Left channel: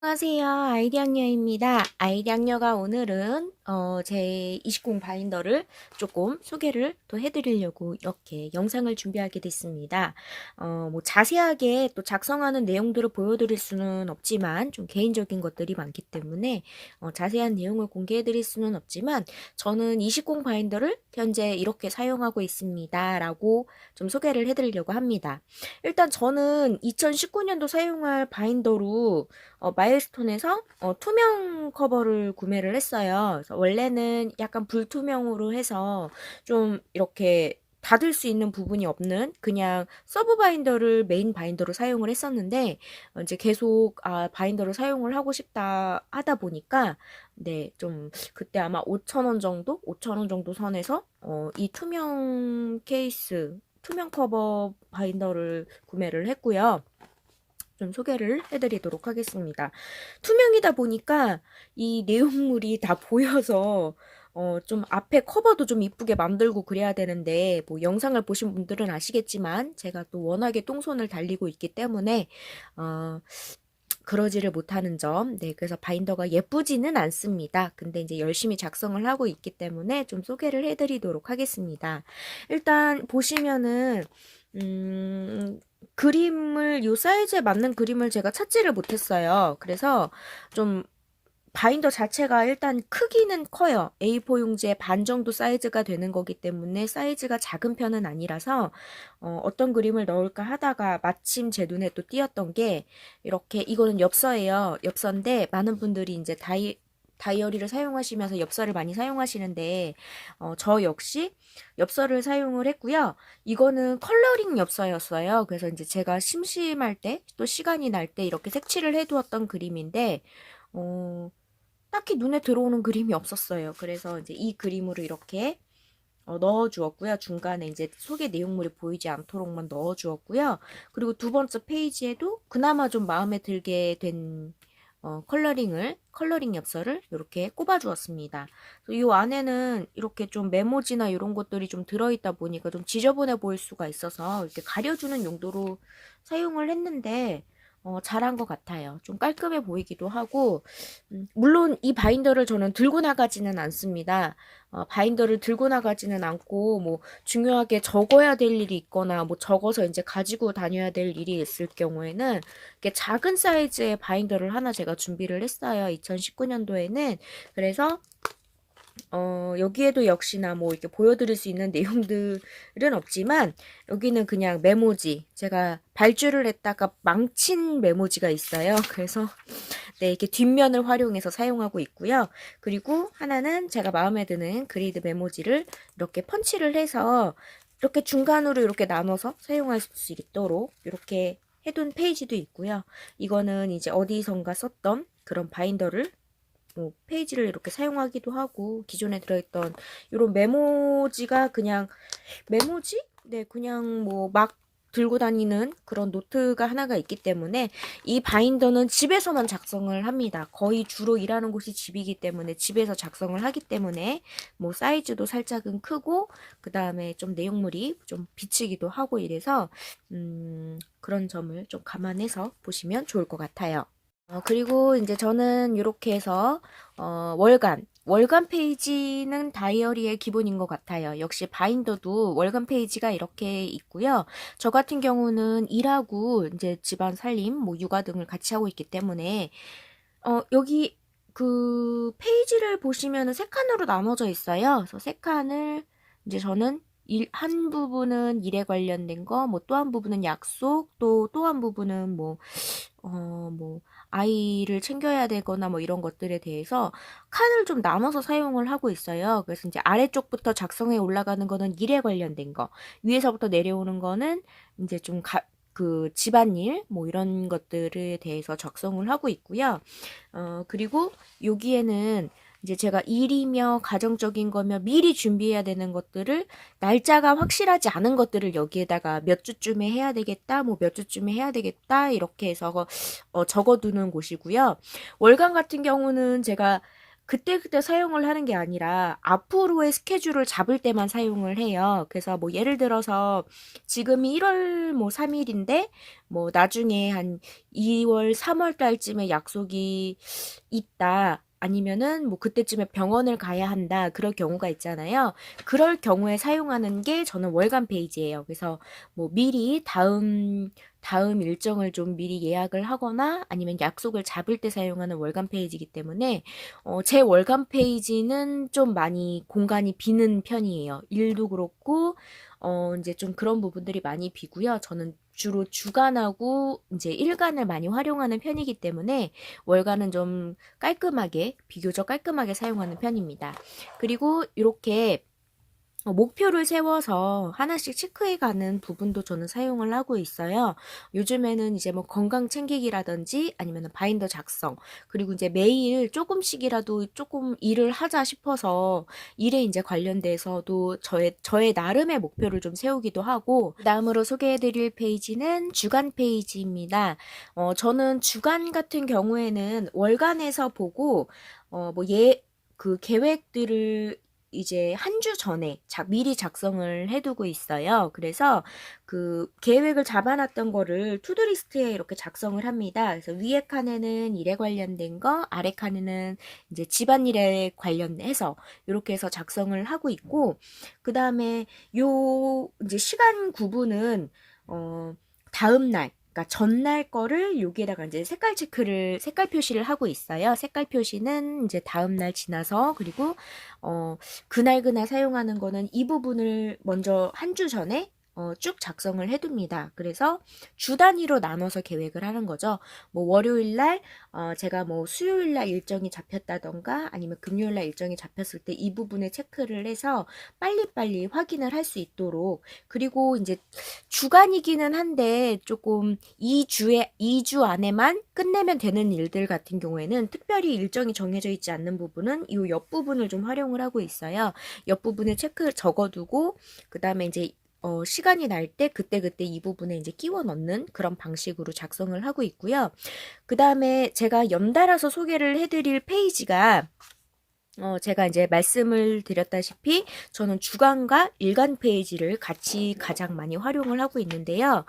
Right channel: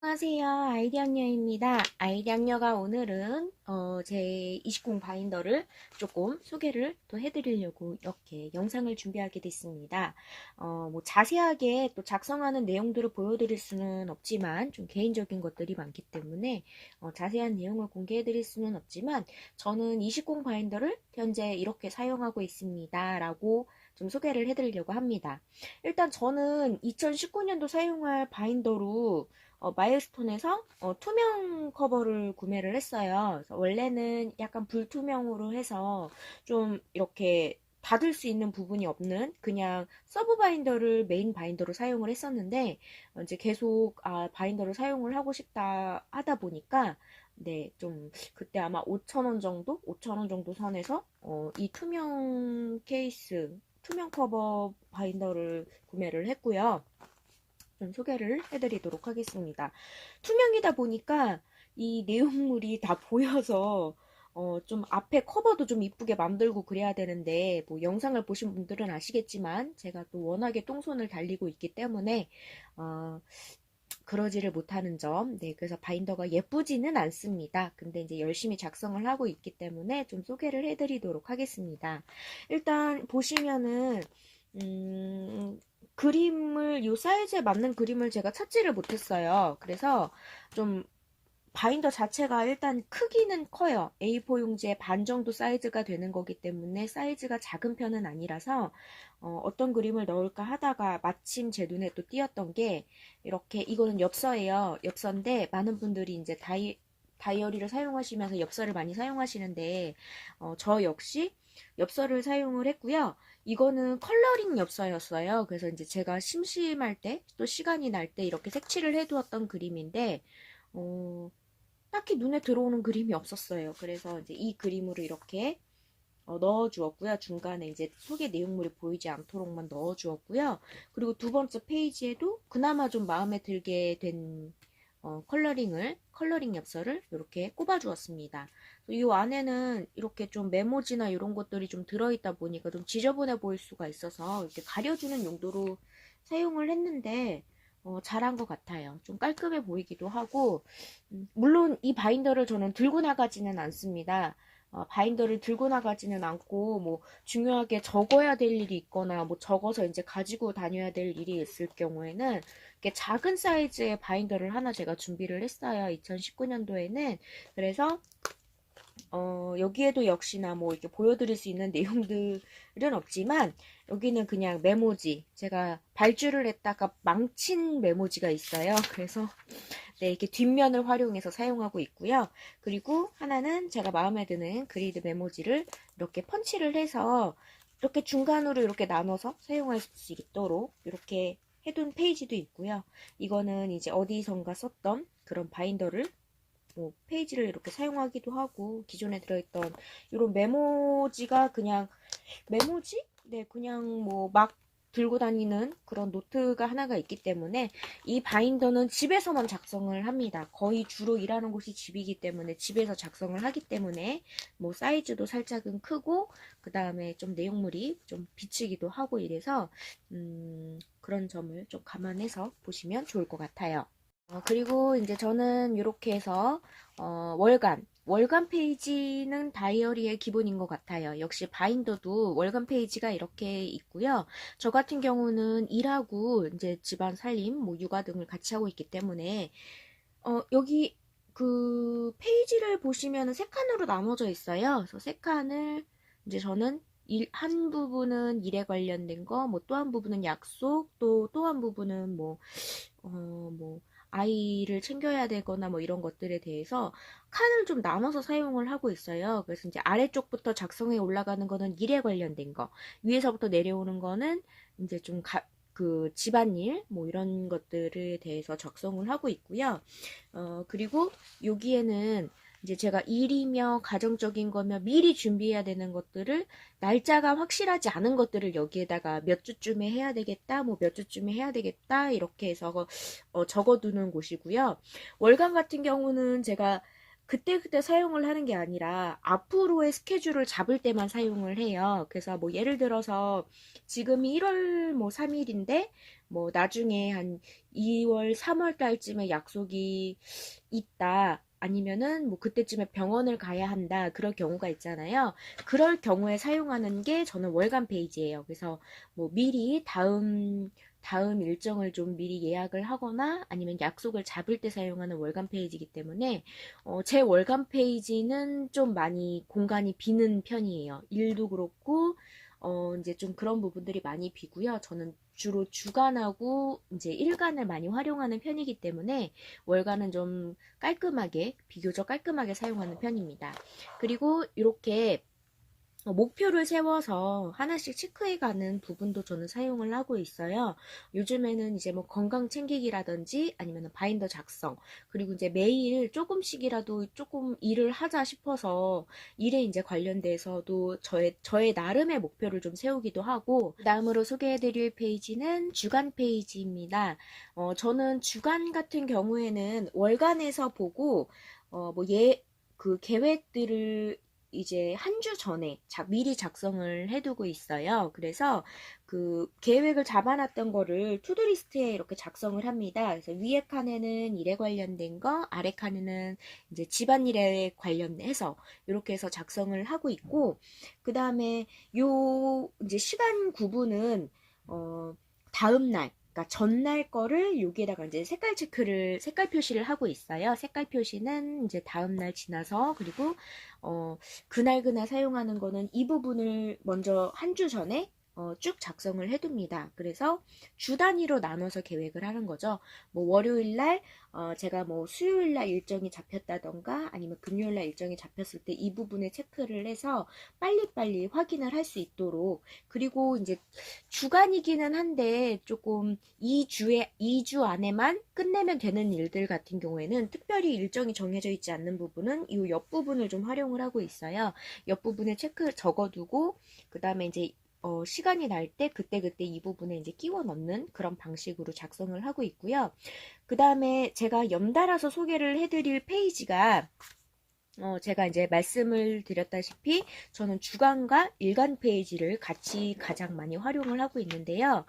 안녕하세요. 아이디학녀입니다. 아이디학녀가 오늘은 제 20 바인더를 조금 소개를 또 해드리려고 이렇게 영상을 준비하게 됐습니다. 뭐 자세하게 또 작성하는 내용들을 보여드릴 수는 없지만 좀 개인적인 것들이 많기 때문에 자세한 내용을 공개해드릴 수는 없지만 저는 20 바인더를 현재 이렇게 사용하고 있습니다. 라고 좀 소개를 해드리려고 합니다. 일단 저는 2019년도 사용할 바인더로 마일스톤에서 투명 커버를 구매를 했어요. 그래서 원래는 약간 불투명으로 해서 좀 이렇게 닫을 수 있는 부분이 없는 그냥 서브 바인더를 메인 바인더로 사용을 했었는데 이제 계속 바인더를 사용을 하고 싶다 하다 보니까 네, 좀 그때 아마 5,000원 정도? 5,000원 정도 선에서 이 투명 케이스, 투명 커버 바인더를 구매를 했고요. 좀 소개를 해드리도록 하겠습니다. 투명이다 보니까 이 내용물이 다 보여서 좀 앞에 커버도 좀 이쁘게 만들고 그래야 되는데 뭐 영상을 보신 분들은 아시겠지만 제가 또 워낙에 똥손을 달리고 있기 때문에 어, 그러지를 못하는 점. 네, 그래서 바인더가 예쁘지는 않습니다. 근데 이제 열심히 작성을 하고 있기 때문에 좀 소개를 해드리도록 하겠습니다. 일단 보시면은 그림을 요 사이즈에 맞는 그림을 제가 찾지를 못했어요. 그래서 좀 바인더 자체가 일단 크기는 커요. A4 용지의 반 정도 사이즈가 되는 거기 때문에 사이즈가 작은 편은 아니라서 어떤 그림을 넣을까 하다가 마침 제 눈에 또 띄었던 게 이렇게 이거는 엽서예요. 엽서인데 많은 분들이 이제 다이어리를 사용하시면서 엽서를 많이 사용하시는데 저 역시 엽서를 사용을 했고요. 이거는 컬러링 엽서였어요. 그래서 이제 제가 심심할 때 또 시간이 날 때 이렇게 색칠을 해두었던 그림인데 어, 딱히 눈에 들어오는 그림이 없었어요. 그래서 이제 이 그림으로 이렇게 넣어 주었고요. 중간에 이제 소개 내용물이 보이지 않도록만 넣어 주었고요. 그리고 두 번째 페이지에도 그나마 좀 마음에 들게 된 컬러링 엽서를 이렇게 꼽아 주었습니다. 이 안에는 이렇게 좀 메모지나 이런 것들이 좀 들어있다 보니까 좀 지저분해 보일 수가 있어서 이렇게 가려주는 용도로 사용을 했는데 잘한 것 같아요. 좀 깔끔해 보이기도 하고 물론 이 바인더를 저는 들고 나가지는 않습니다. 바인더를 들고 나가지는 않고 뭐 중요하게 적어야 될 일이 있거나 뭐 적어서 이제 가지고 다녀야 될 일이 있을 경우에는 이렇게 작은 사이즈의 바인더를 하나 제가 준비를 했어요. 2019년도에는. 그래서 여기에도 역시나 뭐 이렇게 보여드릴 수 있는 내용들은 없지만 여기는 그냥 메모지, 제가 발주를 했다가 망친 메모지가 있어요. 그래서 네, 이렇게 뒷면을 활용해서 사용하고 있고요. 그리고 하나는 제가 마음에 드는 그리드 메모지를 이렇게 펀치를 해서 이렇게 중간으로 이렇게 나눠서 사용할 수 있도록 이렇게 해둔 페이지도 있고요. 이거는 이제 어디선가 썼던 그런 바인더를 뭐 페이지를 이렇게 사용하기도 하고 기존에 들어있던 이런 메모지가 그냥 메모지? 네, 그냥 뭐 막 들고 다니는 그런 노트가 하나가 있기 때문에 이 바인더는 집에서만 작성을 합니다. 거의 주로 일하는 곳이 집이기 때문에 집에서 작성을 하기 때문에 뭐 사이즈도 살짝은 크고 그 다음에 좀 내용물이 좀 비치기도 하고 이래서 그런 점을 좀 감안해서 보시면 좋을 것 같아요. 그리고 이제 저는 이렇게 해서 월간 페이지는 다이어리의 기본인 것 같아요. 역시 바인더도 월간 페이지가 이렇게 있고요. 저 같은 경우는 일하고 이제 집안 살림, 뭐 육아 등을 같이 하고 있기 때문에 여기 그 페이지를 보시면은 세 칸으로 나눠져 있어요. 그래서 세 칸을 이제 저는 한 부분은 일에 관련된 거, 뭐 또 한 부분은 약속, 또 한 부분은 뭐 아이를 챙겨야 되거나 뭐 이런 것들에 대해서 칸을 좀 나눠서 사용을 하고 있어요. 그래서 이제 아래쪽부터 작성해 올라가는 거는 일에 관련된 거, 위에서부터 내려오는 거는 이제 그 집안일 뭐 이런 것들에 대해서 작성을 하고 있고요. 그리고 여기에는 이제 제가 일이며 가정적인 거며 미리 준비해야 되는 것들을 날짜가 확실하지 않은 것들을 여기에다가 몇 주쯤에 해야 되겠다, 뭐 몇 주쯤에 해야 되겠다 이렇게 해서 적어두는 곳이고요. 월간 같은 경우는 제가 그때그때 사용을 하는 게 아니라 앞으로의 스케줄을 잡을 때만 사용을 해요. 그래서 뭐 예를 들어서 지금이 1월 뭐 3일인데 뭐 나중에 한 2월, 3월 달쯤에 약속이 있다. 아니면은 뭐 그때쯤에 병원을 가야 한다. 그럴 경우가 있잖아요. 그럴 경우에 사용하는 게 저는 월간 페이지예요. 그래서 뭐 미리 다음 일정을 좀 미리 예약을 하거나 아니면 약속을 잡을 때 사용하는 월간 페이지이기 때문에 제 월간 페이지는 좀 많이 공간이 비는 편이에요. 일도 그렇고 이제 좀 그런 부분들이 많이 비고요. 저는 주로 주간하고 이제 일간을 많이 활용하는 편이기 때문에 월간은 좀 깔끔하게, 비교적 깔끔하게 사용하는 편입니다. 그리고 이렇게 목표를 세워서 하나씩 체크해 가는 부분도 저는 사용을 하고 있어요. 요즘에는 이제 뭐 건강 챙기기라든지 아니면 바인더 작성, 그리고 이제 매일 조금씩이라도 조금 일을 하자 싶어서 일에 이제 관련돼서도 저의 나름의 목표를 좀 세우기도 하고, 다음으로 소개해 드릴 페이지는 주간 페이지입니다. 저는 주간 같은 경우에는 월간에서 보고, 뭐 그 계획들을 이제 한 주 전에 미리 작성을 해두고 있어요. 그래서 그 계획을 잡아놨던 거를 투두리스트에 이렇게 작성을 합니다. 그래서 위에 칸에는 일에 관련된 거, 아래 칸에는 이제 집안일에 관련해서 이렇게 해서 작성을 하고 있고, 그 다음에 요 이제 시간 구분은 다음 날, 그러니까 전날 거를 여기에다가 이제 색깔 표시를 하고 있어요. 색깔 표시는 이제 다음 날 지나서, 그리고 그날 사용하는 거는 이 부분을 먼저 한 주 전에 쭉 작성을 해둡니다. 그래서 주 단위로 나눠서 계획을 하는 거죠. 뭐 월요일 날 제가 뭐 수요일 날 일정이 잡혔다던가 아니면 금요일 날 일정이 잡혔을 때 이 부분에 체크를 해서 빨리빨리 확인을 할 수 있도록, 그리고 이제 주간이기는 한데 조금 2주 안에만 끝내면 되는 일들 같은 경우에는 특별히 일정이 정해져 있지 않는 부분은 이 옆부분을 좀 활용을 하고 있어요. 옆부분에 체크 적어두고 그 다음에 이제 시간이 날 때 그때그때 이 부분에 이제 끼워 넣는 그런 방식으로 작성을 하고 있고요. 그 다음에 제가 연달아서 소개를 해드릴 페이지가 제가 이제 말씀을 드렸다시피 저는 주간과 일간 페이지를 같이 가장 많이 활용을 하고 있는데요.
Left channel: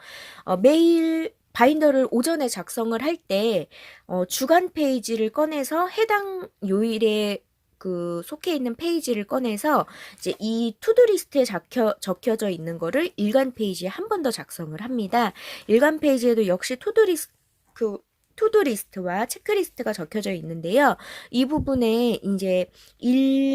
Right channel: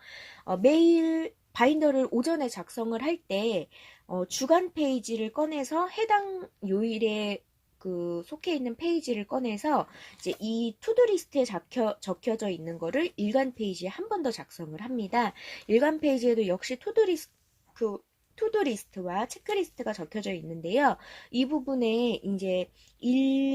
매일 바인더를 오전에 작성을 할 때 주간 페이지를 꺼내서 해당 요일에 그 속해 있는 페이지를 꺼내서 이제 이 투두리스트에 적혀져 있는 거를 일간 페이지에 한 번 더 작성을 합니다. 일간 페이지에도 역시 투두리스트와 체크리스트가 적혀져 있는데요. 이 부분에 이제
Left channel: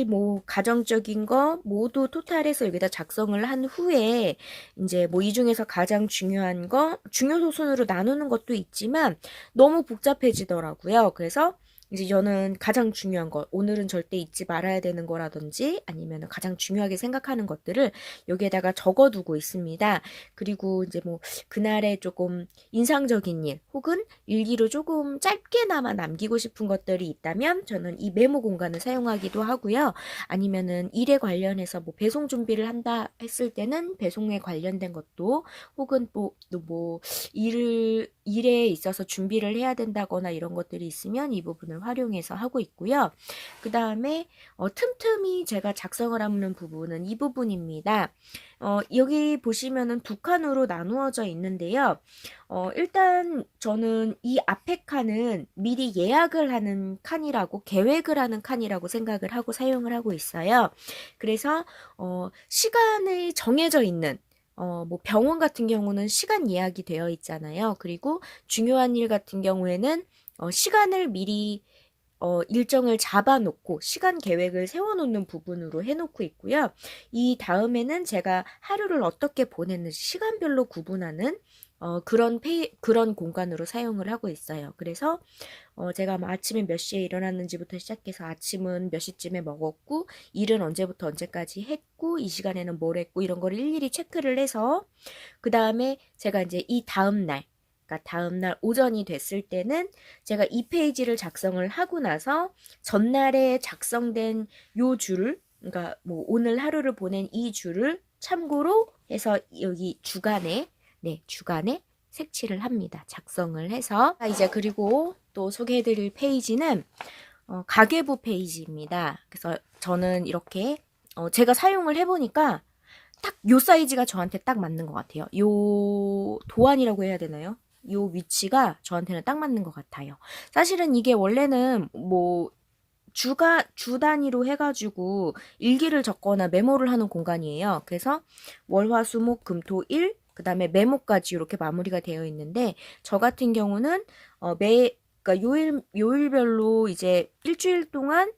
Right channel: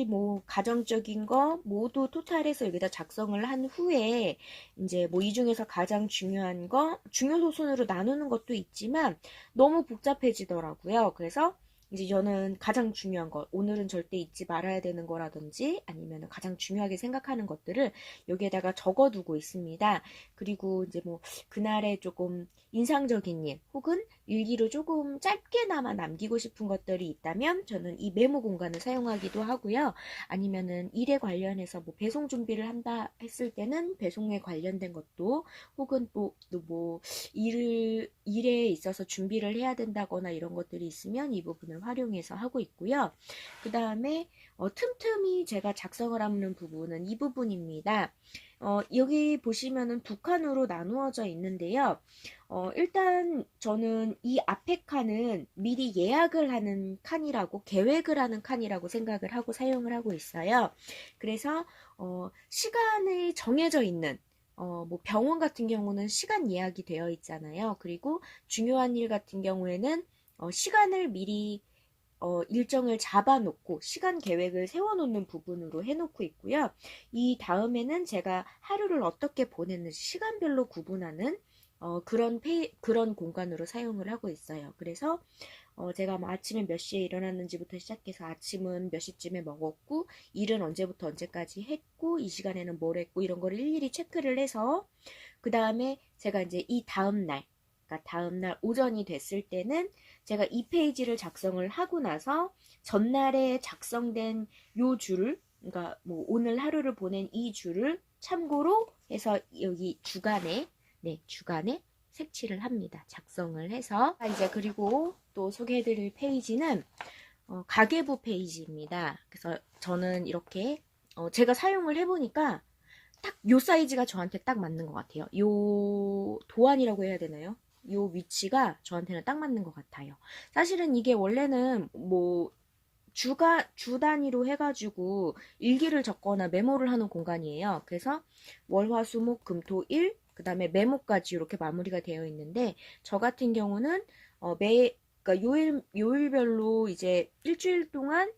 뭐 가정적인 거 모두 토탈해서 여기다 작성을 한 후에 이제 뭐 이 중에서 가장 중요한 거 중요도 순으로 나누는 것도 있지만 너무 복잡해지더라고요. 그래서 이제 저는 가장 중요한 거, 오늘은 절대 잊지 말아야 되는 거라든지 아니면 가장 중요하게 생각하는 것들을 여기에다가 적어두고 있습니다. 그리고 이제 뭐 그날의 조금 인상적인 일 혹은 일기로 조금 짧게나마 남기고 싶은 것들이 있다면 저는 이 메모 공간을 사용하기도 하고요. 아니면은 일에 관련해서 뭐 배송 준비를 한다 했을 때는 배송에 관련된 것도, 혹은 뭐 일에 있어서 준비를 해야 된다거나 이런 것들이 있으면 이 부분을 활용해서 하고 있고요. 그 다음에 틈틈이 제가 작성을 하는 부분은 이 부분입니다. 여기 보시면은 두 칸으로 나누어져 있는데요. 일단 저는 이 앞에 칸은 미리 예약을 하는 칸이라고, 계획을 하는 칸이라고 생각을 하고 사용을 하고 있어요. 그래서 시간이 정해져 있는 뭐 병원 같은 경우는 시간 예약이 되어 있잖아요. 그리고 중요한 일 같은 경우에는 시간을 미리 일정을 잡아놓고 시간 계획을 세워놓는 부분으로 해놓고 있고요. 이 다음에는 제가 하루를 어떻게 보냈는지 시간별로 구분하는 그런 공간으로 사용을 하고 있어요. 그래서 제가 뭐 아침에 몇 시에 일어났는지부터 시작해서 아침은 몇 시쯤에 먹었고 일은 언제부터 언제까지 했고 이 시간에는 뭘 했고 이런 걸 일일이 체크를 해서, 그 다음에 제가 이제 이 다음날, 그러니까 다음날 오전이 됐을 때는 제가 이 페이지를 작성을 하고 나서 전날에 작성된 요 줄을, 그러니까 뭐 오늘 하루를 보낸 이 줄을 참고로 해서 여기 주간에 색칠을 합니다. 작성을 해서. 이제 그리고 또 소개해드릴 페이지는 가계부 페이지입니다. 그래서 저는 이렇게 제가 사용을 해보니까 딱 요 사이즈가 저한테 딱 맞는 것 같아요. 요 도안이라고 해야 되나요? 요 위치가 저한테는 딱 맞는 것 같아요. 사실은 이게 원래는 뭐 주 단위로 해가지고 일기를 적거나 메모를 하는 공간이에요. 그래서 월, 화, 수, 목, 금, 토, 일, 그 다음에 메모까지 이렇게 마무리가 되어 있는데, 저 같은 경우는 그러니까 요일별로 이제 일주일 동안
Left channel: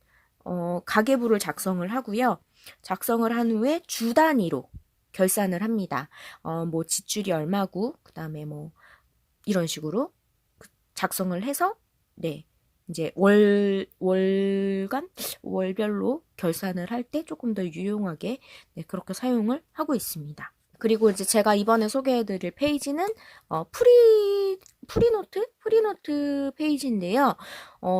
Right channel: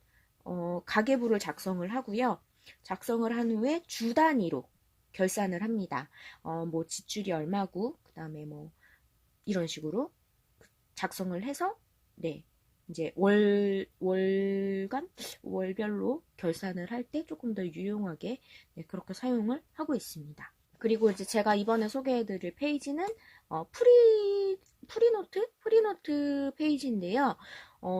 가계부를 작성을 하고요. 작성을 한 후에 주 단위로 결산을 합니다. 뭐 지출이 얼마고, 그 다음에 뭐 이런 식으로 작성을 해서, 네. 이제 월별로 결산을 할 때 조금 더 유용하게, 네, 그렇게 사용을 하고 있습니다. 그리고 이제 제가 이번에 소개해드릴 페이지는 프리노트 페이지인데요.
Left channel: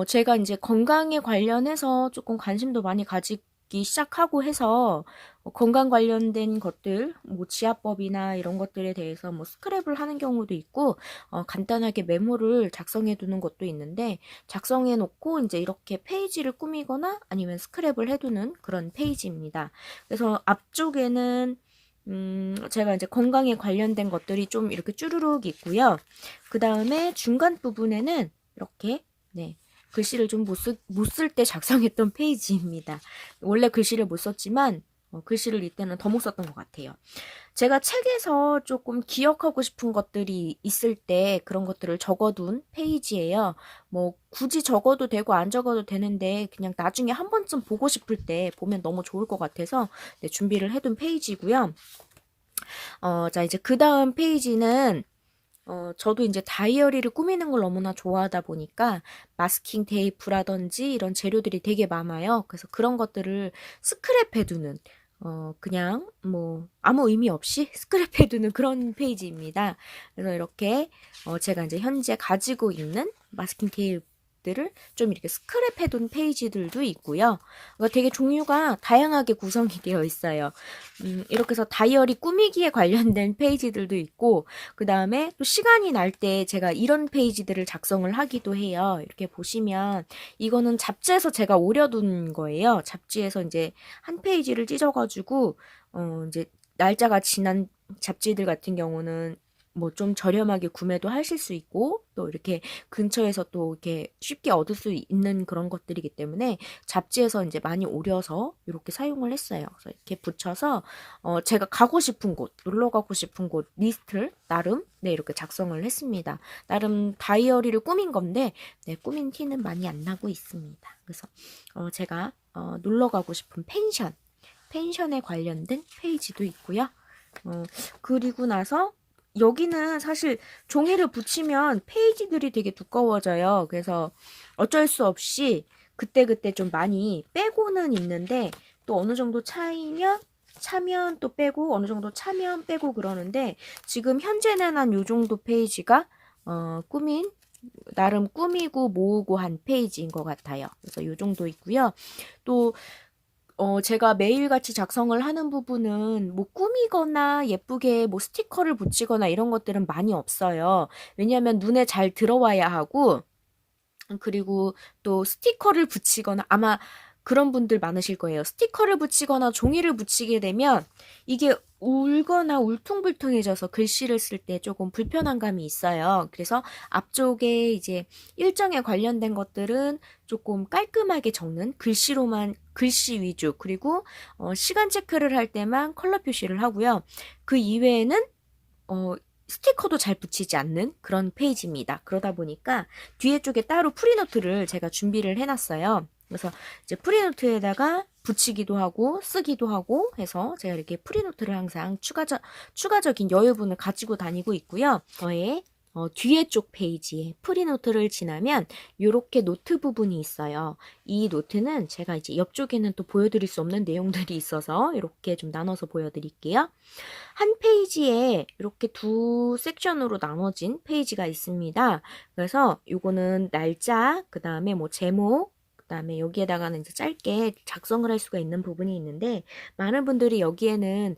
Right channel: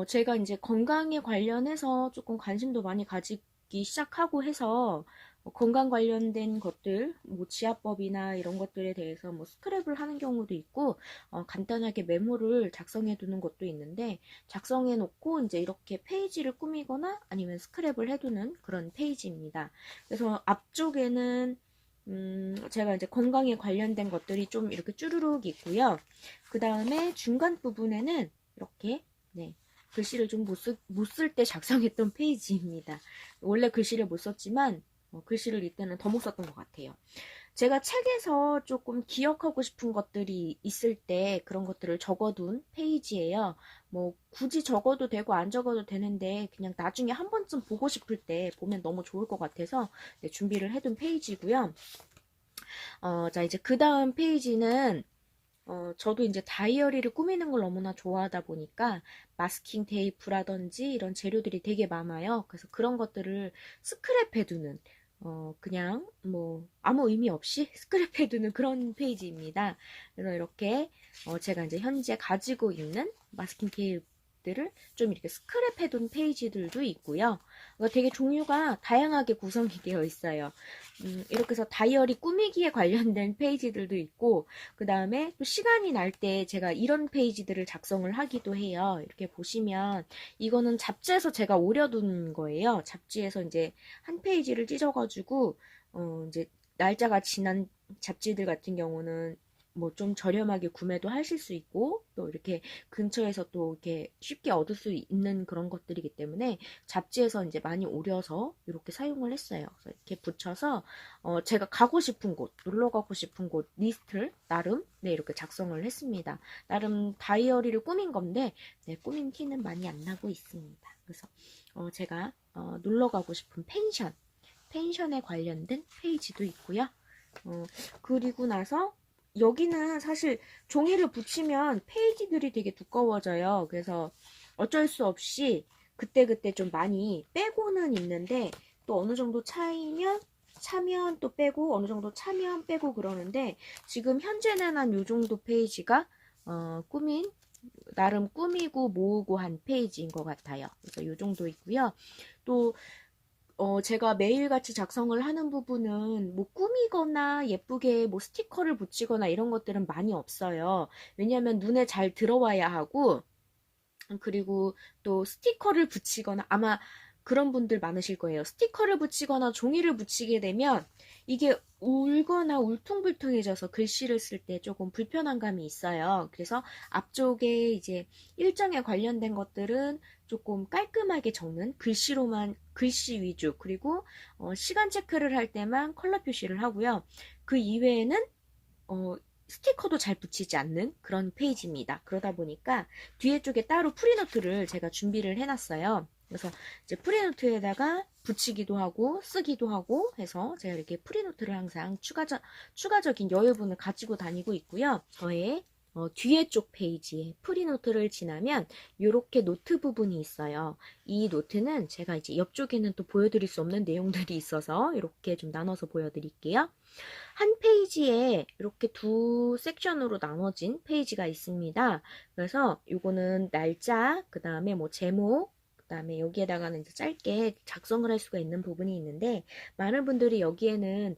제가 이제 건강에 관련해서 조금 관심도 많이 가지기 시작하고 해서 건강 관련된 것들, 뭐 지압법이나 이런 것들에 대해서 뭐 스크랩을 하는 경우도 있고, 간단하게 메모를 작성해 두는 것도 있는데, 작성해 놓고 이제 이렇게 페이지를 꾸미거나 아니면 스크랩을 해두는 그런 페이지입니다. 그래서 앞쪽에는 제가 이제 건강에 관련된 것들이 좀 이렇게 쭈루룩 있고요. 그 다음에 중간 부분에는 이렇게, 네, 글씨를 좀 못 쓸 때 작성했던 페이지입니다. 원래 글씨를 못 썼지만, 글씨를 이때는 더 못 썼던 것 같아요. 제가 책에서 조금 기억하고 싶은 것들이 있을 때 그런 것들을 적어둔 페이지예요. 뭐 굳이 적어도 되고 안 적어도 되는데 그냥 나중에 한 번쯤 보고 싶을 때 보면 너무 좋을 것 같아서, 네, 준비를 해둔 페이지고요. 자, 이제 그 다음 페이지는 저도 이제 다이어리를 꾸미는 걸 너무나 좋아하다 보니까 마스킹 테이프라든지 이런 재료들이 되게 많아요. 그래서 그런 것들을 스크랩해두는, 그냥 뭐 아무 의미 없이 스크랩해두는 그런 페이지입니다. 그래서 이렇게 제가 이제 현재 가지고 있는 마스킹 테이프들을 좀 이렇게 스크랩해둔 페이지들도 있고요. 되게 종류가 다양하게 구성이 되어 있어요. 이렇게 해서 다이어리 꾸미기에 관련된 페이지들도 있고, 그 다음에 또 시간이 날 때 제가 이런 페이지들을 작성을 하기도 해요. 이렇게 보시면 이거는 잡지에서 제가 오려둔 거예요. 잡지에서 이제 한 페이지를 찢어가지고 이제 날짜가 지난 잡지들 같은 경우는 뭐 좀 저렴하게 구매도 하실 수 있고, 또 이렇게 근처에서 또 이렇게 쉽게 얻을 수 있는 그런 것들이기 때문에 잡지에서 이제 많이 오려서 이렇게 사용을 했어요. 그래서 이렇게 붙여서 제가 가고 싶은 곳, 놀러 가고 싶은 곳 리스트를 나름, 네, 이렇게 작성을 했습니다. 나름 다이어리를 꾸민 건데, 네, 꾸민 티는 많이 안 나고 있습니다. 그래서 제가 놀러 가고 싶은 펜션에 관련된 페이지도 있고요. 그리고 나서 여기는 사실 종이를 붙이면 페이지들이 되게 두꺼워져요. 그래서 어쩔 수 없이 그때그때 좀 많이 빼고는 있는데, 또 어느 정도 차면 또 빼고, 어느 정도 차면 빼고 그러는데, 지금 현재는 한 요 정도 페이지가 나름 꾸미고 모으고 한 페이지인 것 같아요. 그래서 요 정도 있고요. 또 제가 매일같이 작성을 하는 부분은 뭐 꾸미거나 예쁘게 뭐 스티커를 붙이거나 이런 것들은 많이 없어요. 왜냐하면 눈에 잘 들어와야 하고, 그리고 또 스티커를 붙이거나, 아마 그런 분들 많으실 거예요. 스티커를 붙이거나 종이를 붙이게 되면 이게 울거나 울퉁불퉁해져서 글씨를 쓸 때 조금 불편한 감이 있어요. 그래서 앞쪽에 이제 일정에 관련된 것들은 조금 깔끔하게 적는 글씨 위주, 그리고 시간 체크를 할 때만 컬러 표시를 하고요. 그 이외에는 어, 스티커도 잘 붙이지 않는 그런 페이지입니다. 그러다 보니까 뒤에 쪽에 따로 프리노트를 제가 준비를 해놨어요. 그래서 이제 프리노트에다가 붙이기도 하고 쓰기도 하고 해서 제가 이렇게 프리노트를 항상 추가적인 여유분을 가지고 다니고 있고요. 저의 뒤에 쪽 페이지에 프리노트를 지나면 이렇게 노트 부분이 있어요. 이 노트는 제가 이제 옆쪽에는 또 보여드릴 수 없는 내용들이 있어서 이렇게 좀 나눠서 보여드릴게요. 한 페이지에 이렇게 두 섹션으로 나눠진 페이지가 있습니다. 그래서 요거는 날짜, 그 다음에 뭐 제목, 그 다음에 여기에다가는 이제 짧게 작성을 할 수가 있는 부분이 있는데, 많은 분들이 여기에는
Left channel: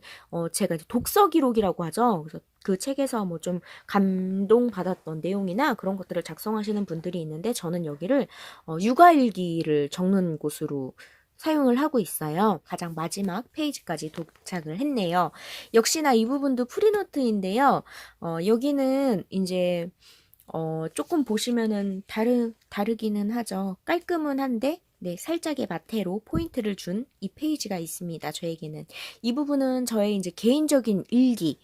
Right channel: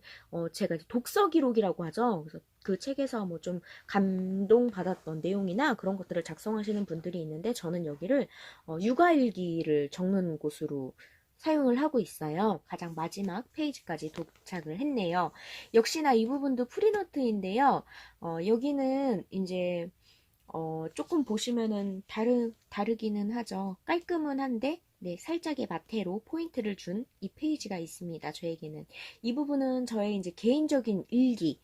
제가 이제 독서 기록이라고 하죠. 그래서 그 책에서 뭐 좀 감동받았던 내용이나 그런 것들을 작성하시는 분들이 있는데, 저는 여기를 육아일기를 적는 곳으로 사용을 하고 있어요. 가장 마지막 페이지까지 도착을 했네요. 역시나 이 부분도 프리노트인데요. 여기는 이제 조금 보시면은 다르기는 하죠. 깔끔은 한데, 네, 살짝의 마테로 포인트를 준 이 페이지가 있습니다. 저에게는. 이 부분은 저의 이제 개인적인 일기,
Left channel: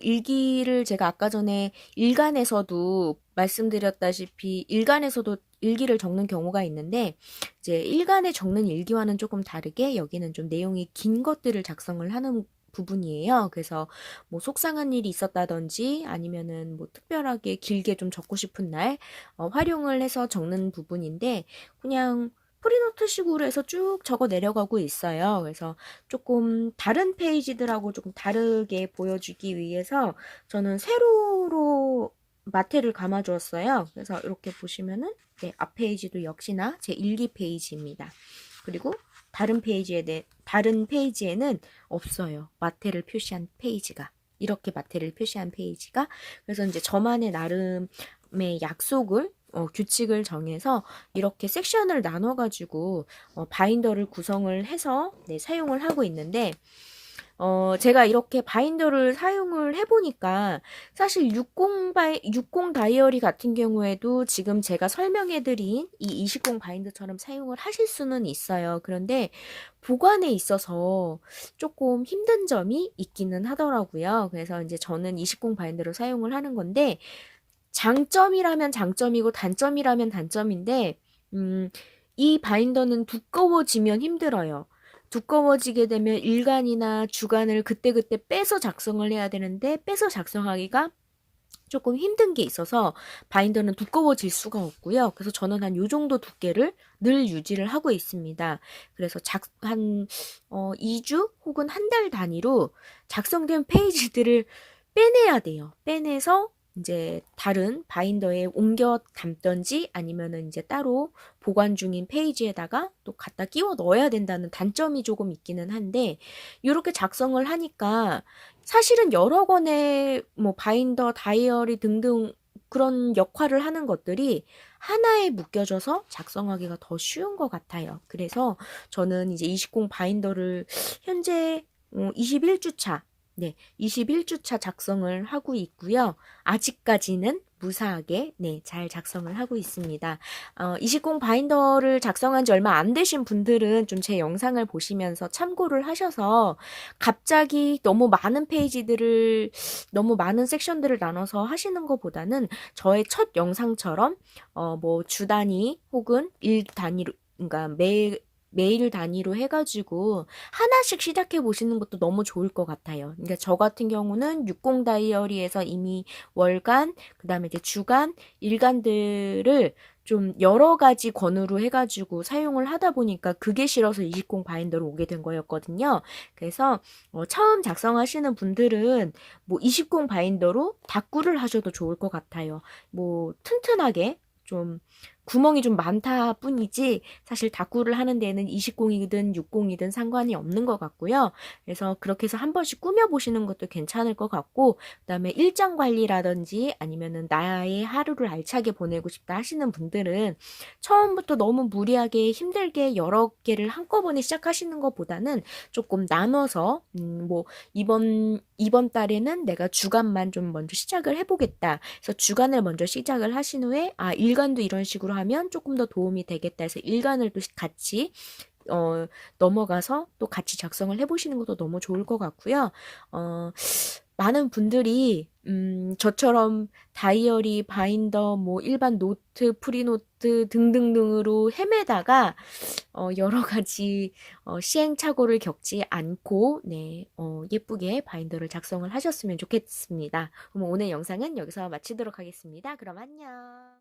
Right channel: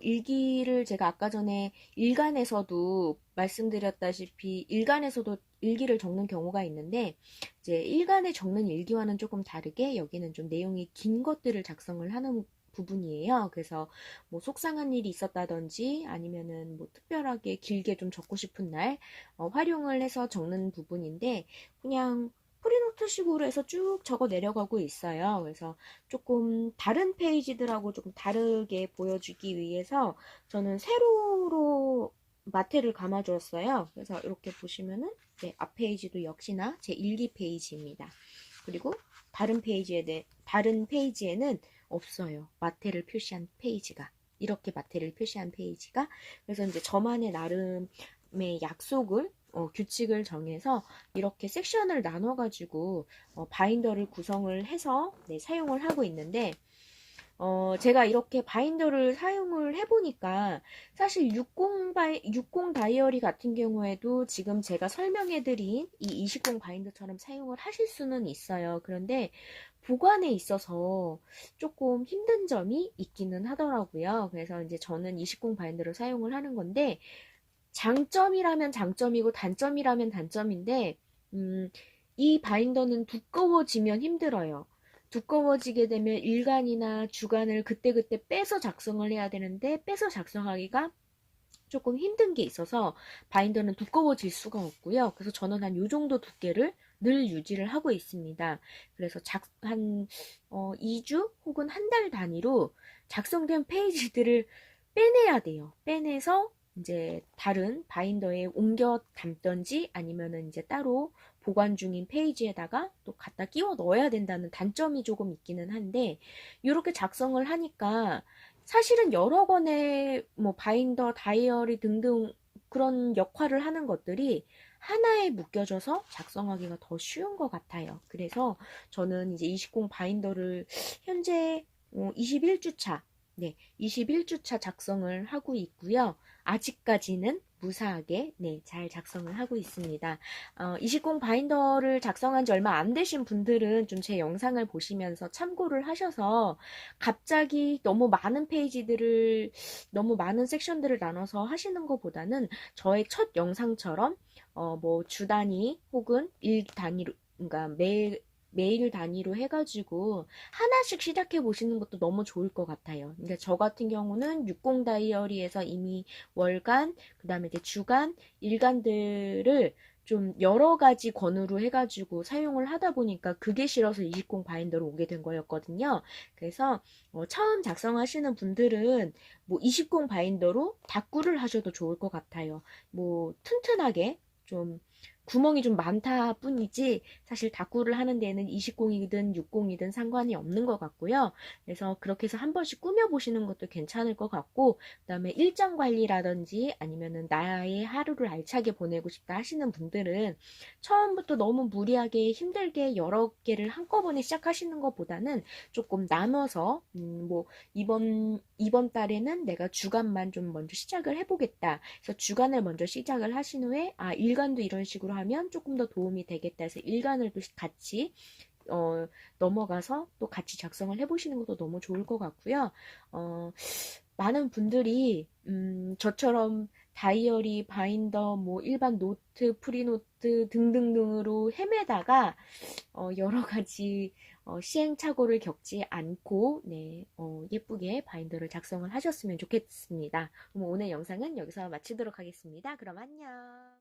일기를 제가 아까 전에 일간에서도 말씀드렸다시피 일간에서도 일기를 적는 경우가 있는데, 이제 일간에 적는 일기와는 조금 다르게 여기는 좀 내용이 긴 것들을 작성을 하는 부분이에요. 그래서 뭐 속상한 일이 있었다든지 아니면은 뭐 특별하게 길게 좀 적고 싶은 날 활용을 해서 적는 부분인데 그냥 프리노트식으로 해서 쭉 적어 내려가고 있어요. 그래서 조금 다른 페이지들하고 조금 다르게 보여주기 위해서 저는 세로로 마테를 감아 주었어요. 그래서 이렇게 보시면은 네, 앞 페이지도 역시나 제 일기 페이지입니다. 그리고 다른 페이지에는 없어요. 마테를 표시한 페이지가. 이렇게 마테를 표시한 페이지가. 그래서 이제 저만의 나름의 약속을 규칙을 정해서 이렇게 섹션을 나눠가지고 바인더를 구성을 해서 네, 사용을 하고 있는데 제가 이렇게 바인더를 사용을 해보니까 사실 60 다이어리 같은 경우에도 지금 제가 설명해드린 이 20 바인더처럼 사용을 하실 수는 있어요. 그런데 보관에 있어서 조금 힘든 점이 있기는 하더라고요. 그래서 이제 저는 20 바인더를 사용을 하는 건데 장점이라면 장점이고 단점이라면 단점인데 이 바인더는 두꺼워지면 힘들어요. 두꺼워지게 되면 일간이나 주간을 그때그때 빼서 작성을 해야 되는데 빼서 작성하기가 조금 힘든 게 있어서 바인더는 두꺼워질 수가 없고요. 그래서 저는 한 요 정도 두께를 늘 유지를 하고 있습니다. 그래서 한 2주 혹은 한 달 단위로 작성된 페이지들을 빼내야 돼요. 빼내서 이제 다른 바인더에 옮겨 담던지 아니면은 이제 따로 보관 중인 페이지에다가 또 갖다 끼워 넣어야 된다는 단점이 조금 있기는 한데 이렇게 작성을 하니까 사실은 여러 권의 뭐 바인더, 다이어리 등등 그런 역할을 하는 것들이 하나에 묶여져서 작성하기가 더 쉬운 것 같아요. 그래서 저는 이제 20 바인더를 현재 21주 차, 네, 21주 차 작성을 하고 있고요. 아직까지는 무사하게 네, 잘 작성을 하고 있습니다. 20 바인더를 작성한 지 얼마 안 되신 분들은 좀 제 영상을 보시면서 참고를 하셔서 갑자기 너무 많은 섹션들을 나눠서 하시는 것보다는 저의 첫 영상처럼 뭐 주 단위 혹은 일 단위로 그러니까 매일 단위로 해가지고 하나씩 시작해 보시는 것도 너무 좋을 것 같아요. 그러니까 저 같은 경우는 60 다이어리에서 이미 월간, 그 다음에 이제 주간, 일간들을 좀 여러 가지 권으로 해가지고 사용을 하다 보니까 그게 싫어서 20 바인더로 오게 된 거였거든요. 그래서 처음 작성하시는 분들은 뭐 20 바인더로 다꾸를 하셔도 좋을 것 같아요. 뭐 튼튼하게 좀 구멍이 좀 많다 뿐이지 사실 다꾸를 하는 데는 20이든 60이든 상관이 없는 것 같고요. 그래서 그렇게 해서 한 번씩 꾸며보시는 것도 괜찮을 것 같고 그다음에 일정 관리라든지 아니면은 나의 하루를 알차게 보내고 싶다 하시는 분들은 처음부터 너무 무리하게 힘들게 여러 개를 한꺼번에 시작하시는 것보다는 조금 나눠서 뭐 이번 달에는 내가 주간만 좀 먼저 시작을 해보겠다. 그래서 주간을 먼저 시작을 하신 후에 일간도 이런 식으로 하면 조금 더 도움이 되겠다 해서 일간을 또 같이 넘어가서 또 같이 작성을 해보시는 것도 너무 좋을 것 같고요. 많은 분들이 저처럼 다이어리, 바인더, 뭐 일반 노트, 프리노트 등등등으로 헤매다가 여러 가지 시행착오를 겪지 않고 네, 예쁘게 바인더를 작성을 하셨으면 좋겠습니다. 그럼 오늘 영상은 여기서 마치도록 하겠습니다. 그럼 안녕.